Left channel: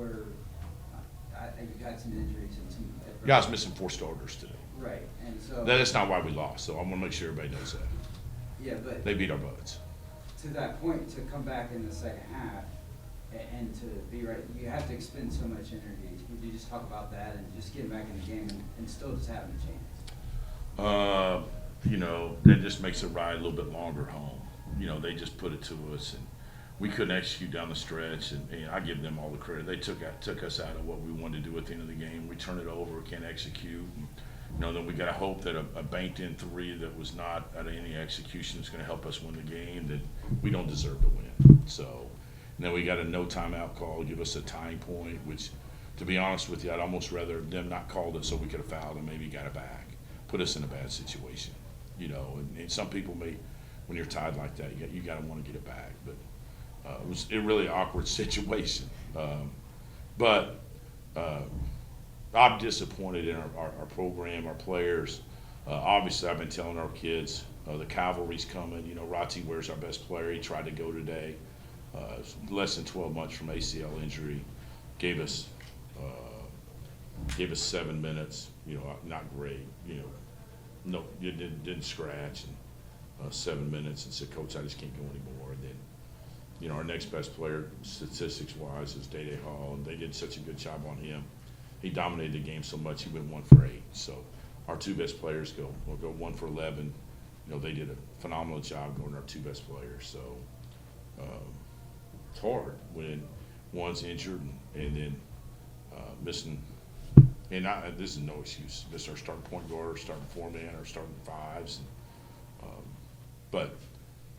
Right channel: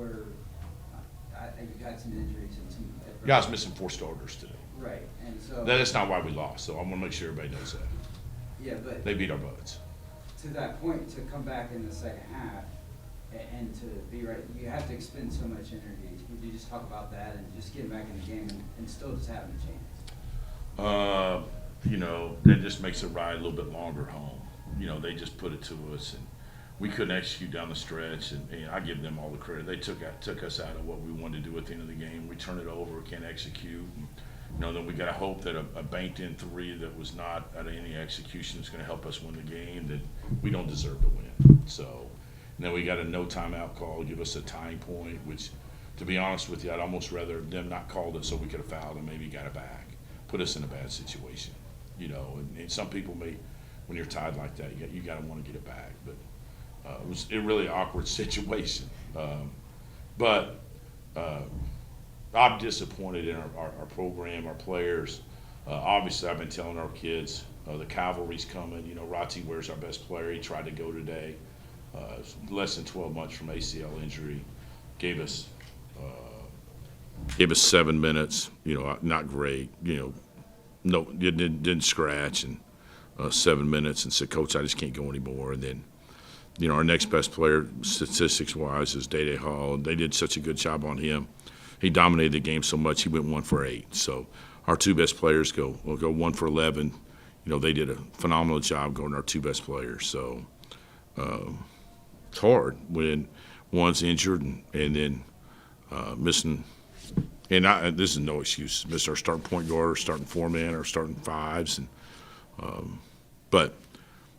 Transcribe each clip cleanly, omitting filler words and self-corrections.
where you had some injuries and some Guys missing 4 starters today. right, and so That's not why we lost, so I want to make sure everybody knows that. yeah, but They beat our butts. to that point, to come back in the second half and to be right, you have to expend so much energy. Would you just talk about that and just getting back in the game and still just having a chance? That just makes the ride a little bit longer home. They just put it to us, and we couldn't execute down the stretch, and I give them all the credit. They took us out of what we wanted to do at the end of the game. We turned it over, can't execute. And, then we got to hope that a banked-in 3 that was not out of any execution is going to help us win the game, that we don't deserve to win. So, and then we got a no timeout call, give us a tying point, which, to be honest with you, I'd almost rather them not called it so we could have fouled and maybe got it back. Put us in a bad situation, and some people may, when you're tied like that, you got to want to get it back. But it was a really awkward situation. But I'm disappointed in our program, our players. Obviously, I've been telling our kids the cavalry's coming. Rotzi Ware's our best player. He tried to go today. Less than 12 months from ACL injury. Gave us 7 minutes. Not great. No, didn't scratch, and 7 minutes, and said, "Coach, I just can't go anymore." And then, our next best player, statistics-wise, is Day Hall, and they did such a good job on him. He dominated the game so much, he went 1 for 8. So our 2 best players will go 1 for 11. They did a phenomenal job going our 2 best players. So it's hard when one's injured and then missing. And this is no excuse. Miss our starting point guard, or starting 4-man, or starting 5s, but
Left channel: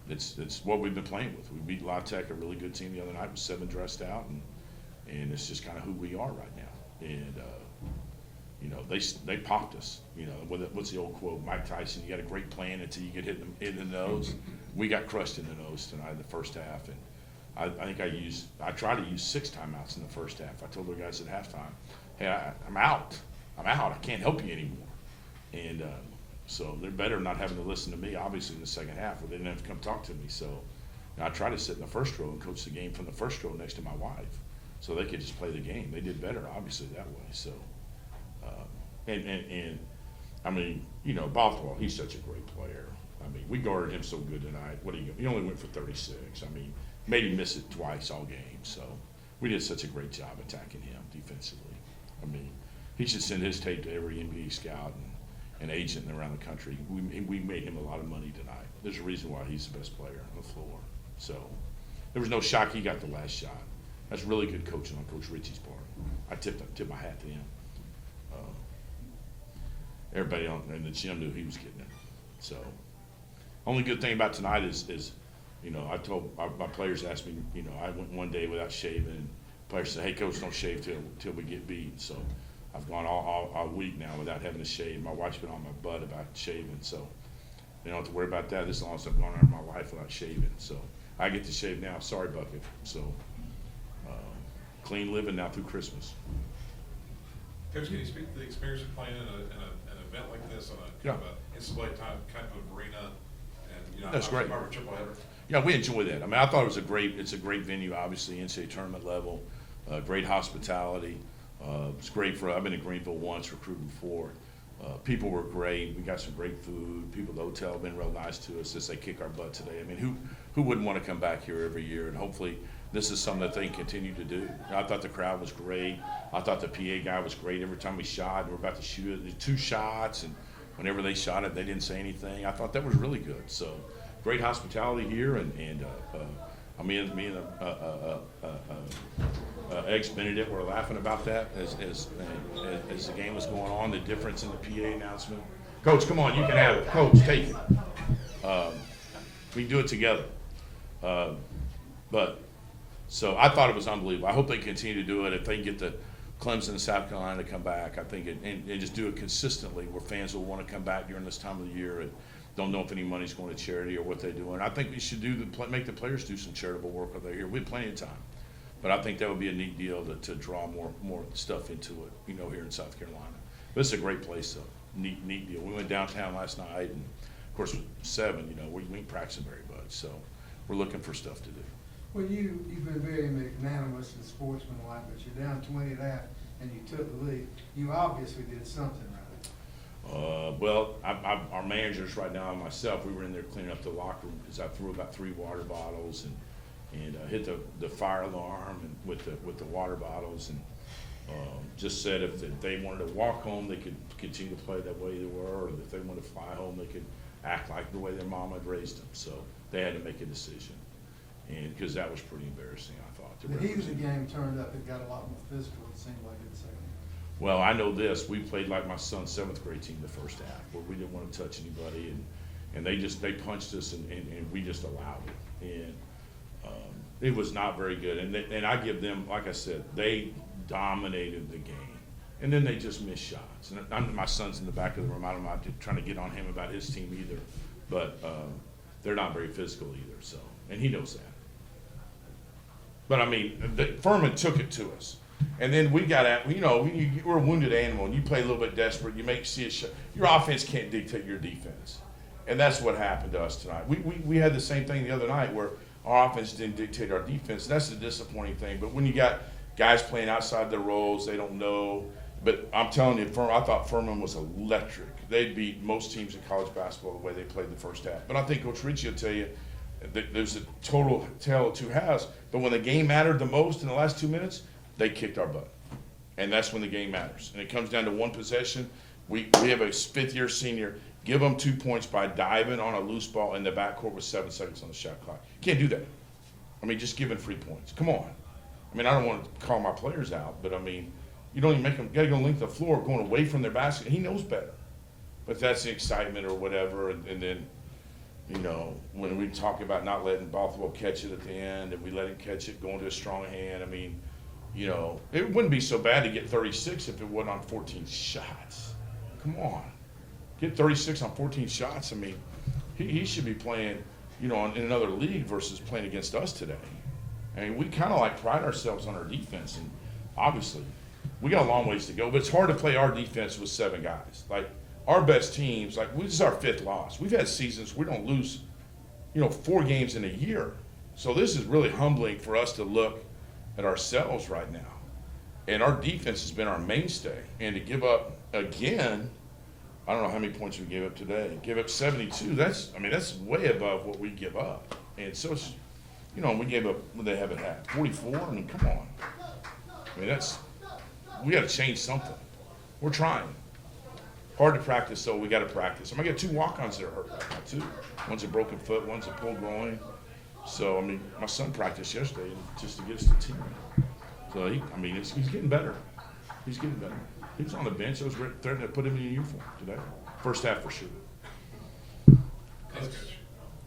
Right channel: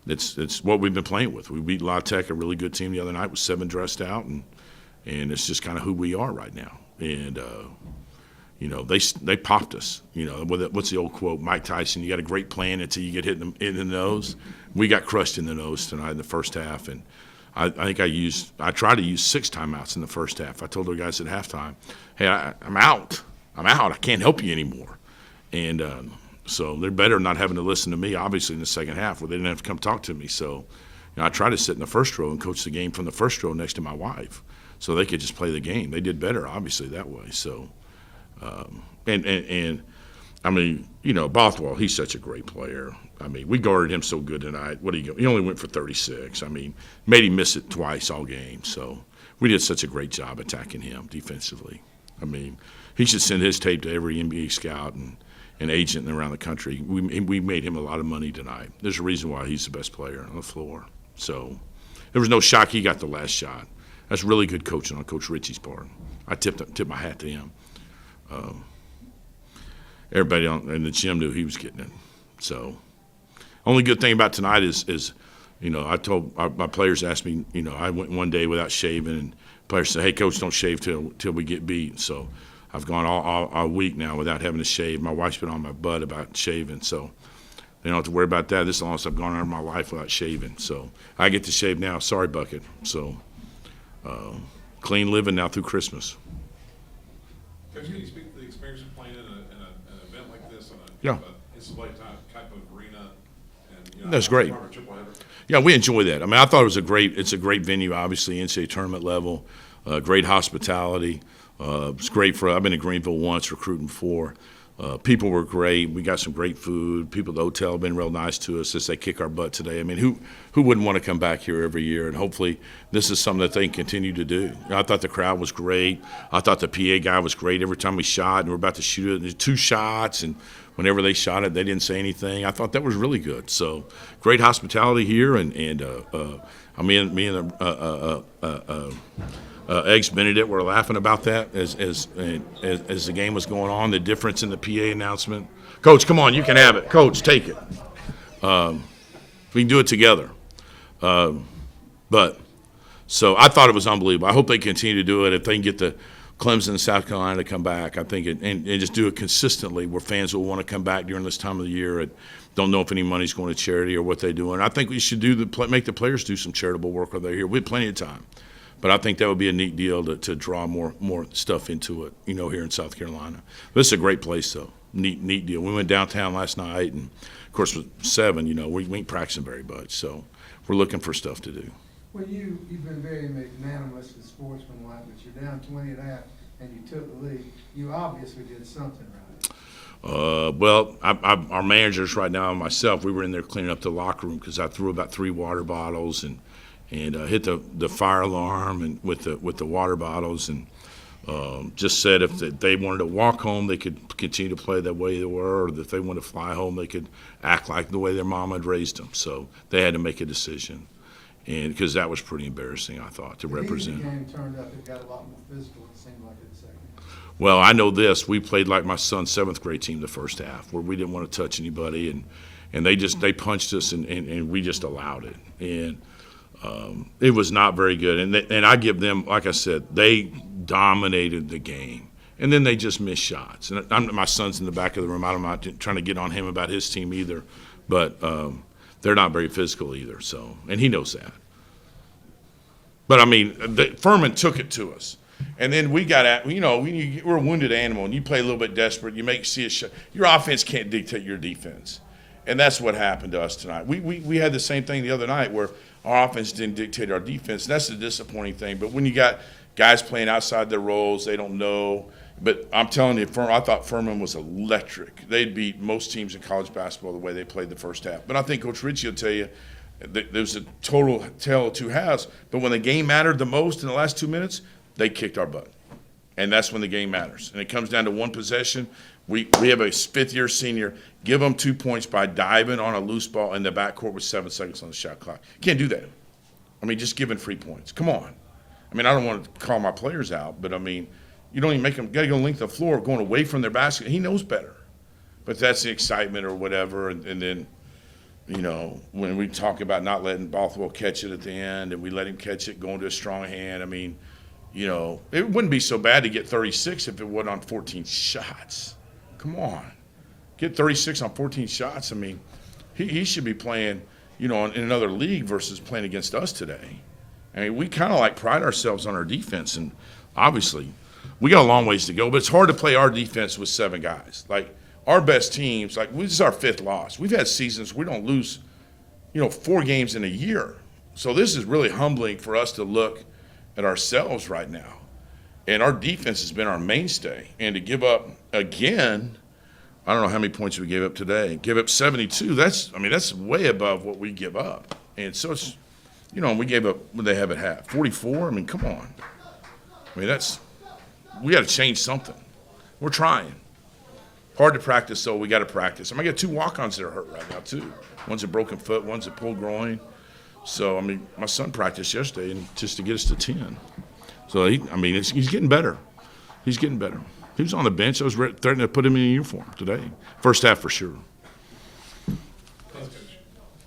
it's what we've been playing with. We beat La Tech, a really good team, the other night with 7 dressed out, and it's just kind of who we are right now. And they popped us. What's the old quote? Mike Tyson: "You got a great plan until you get hit in the nose." We got crushed in the nose tonight in the first half, and I think I tried to use 6 timeouts in the first half. I told the guys at halftime, "Hey, I'm out. I can't help you anymore." And so they're better not having to listen to me, obviously, in the second half, where they didn't have to come talk to me. So I tried to sit in the first row and coach the game from the first row next to my wife, so they could just play the game. They did better, obviously, that way. So, and I mean, Bothwell, he's such a great player. I mean, we guarded him so good tonight. What did he go? He only went for 36. I mean, made him miss it twice all game. So we did such a great job attacking him defensively. I mean, he should send his tape to every NBA scout and agent around the country. We made him a lot of money tonight. There's a reason why he's the best player on the floor. So there was no shock he got the last shot. That's really good coaching on Coach Ritchie's part. I tipped my hat to him. Everybody in the gym knew he was getting it. So only good thing about tonight is I told my players, asked me, I went one day without shaving, and players said, "Hey, Coach, don't shave till we get beat." So I've gone all week now without having to shave. My wife's been on my butt about shaving, so they don't have to worry about that. This is the longest I've gone out of my life without shaving. So I get to shave now. Sorry, Bucket. So clean living now through Christmas. Coach, can you speak to the experience of playing in an event like this, Yeah. insulated type of arena? And, That's great. Triple header? Yeah, we enjoy that. I mean, I thought it's a great venue, obviously, NCAA tournament level, great hospitality. It's great I've been to Greenville once, recruiting before. People were great. We got some great food. People at the hotel have been real nice to us as they kick our butt today. I mean, who wouldn't want to come back here every year? And hopefully this is something that they can continue to do. I thought the crowd was great. I thought the PA guy was great every time we shot, and we're about to shoot it. There's 2 shots, and whenever they shot it, they didn't say anything. I thought that was really good. So great hospitality here, and me and Eggs Benedict were laughing about that as the game was going on, the difference in the PA announcement. Coach, come on, you can have it. Coach, take it. We can do it together. So I thought it was unbelievable. I hope they continue to do it. If they can get the Clemson and South Carolina to come back, I think, and just do it consistently where fans will want to come back during this time of the year and don't know if any money's going to charity or what they do. And I think we should make the players do some charitable work while they're here. We have plenty of time. But I think that would be a neat deal to draw more stuff into it, here in South Carolina. This is a great place, though. Neat deal. We went downtown last night, and, of course, with 7, we ain't practicing very much. So we're looking for stuff to do. Well, you've been very magnanimous and sportsmanlike, but you're down 20 and a half and you took the lead. You obviously did something right. Well, our managers right now and myself, we were in there cleaning up the locker room because I threw about 3 water bottles and hit the fire alarm and with the water bottles and just said if they wanted to walk home, they could continue to play the way they were, or if they wanted to fly home, they could act like the way their mama had raised them. So they had to make a decision, and because that was pretty embarrassing, I thought, to represent. The game turned up, it got a lot more physical, it seemed like in the second half. Well, I know this. We played like my son's 7th grade team the first half, where we didn't want to touch anybody, and they punched us, and we just allowed it. And it was not very good. And I give them, like I said, they dominated the game. And then they just missed shots. And my son's in the back of the room. I'm not trying to get on him about his team either, but they're not very physical either. So, and he knows that. But I mean, Furman took it to us. And then we got at, we're a wounded animal, and you play a little bit desperate. You see a shot. Your offense can't dictate your defense, and that's what happened to us tonight. We had the same thing the other night where our offense didn't dictate our defense. That's the disappointing thing. But when you got guys playing outside their roles, they don't know. But I'm telling you, I thought Furman was electric. They'd beat most teams in college basketball the way they played the first half. But I think Coach Ritchie will tell you that there's a total tale of 2 halves. But when the game mattered the most in the last 2 minutes, they kicked our butt. And that's when the game matters. And it comes down to one possession. We have a 5th-year senior. Give them 2 points by diving on a loose ball in the backcourt with 7 seconds on the shot clock. Can't do that. I mean, just giving free points. Come on. I mean, I don't want to call my players out, but I mean, you don't even make them got to go length of the floor going away from their basket. He knows better. But that's the excitement or whatever. And then, when we talk about not letting Bothwell catch it at the end and we let him catch it going to a strong hand, I mean, it wouldn't be so bad to get 36 if it wasn't on 14 shots. Come on. Get 36 on 14 shots. I mean, he should be playing, in another league versus playing against us today. I mean, we kind of pride ourselves on our defense, and obviously we got a long ways to go, but it's hard to play our defense with 7 guys. Like our best teams, this is our 5th loss. We've had seasons we don't lose, 4 games in a year. So this is really humbling for us to look at ourselves right now. And our defense has been our mainstay. And to give up again, I don't know how many points we gave up today. Give up 72. That's way above what we give up. And so it's, we gave up what they have at half. 44. I mean, come on. I mean, we got to change something. We're trying. Hard to practice, though. We got to practice. I got 2 walk-ons that are hurt right now too. One's a broken foot. One's a pulled groin. So my son practiced yesterday, and just to get us to 10. So he's getting better. He's getting better. He was on the bench. I was threatening to put him in a uniform today. First half for sure. Thanks, Coach.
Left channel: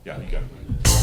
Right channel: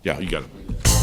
Yeah, you got it.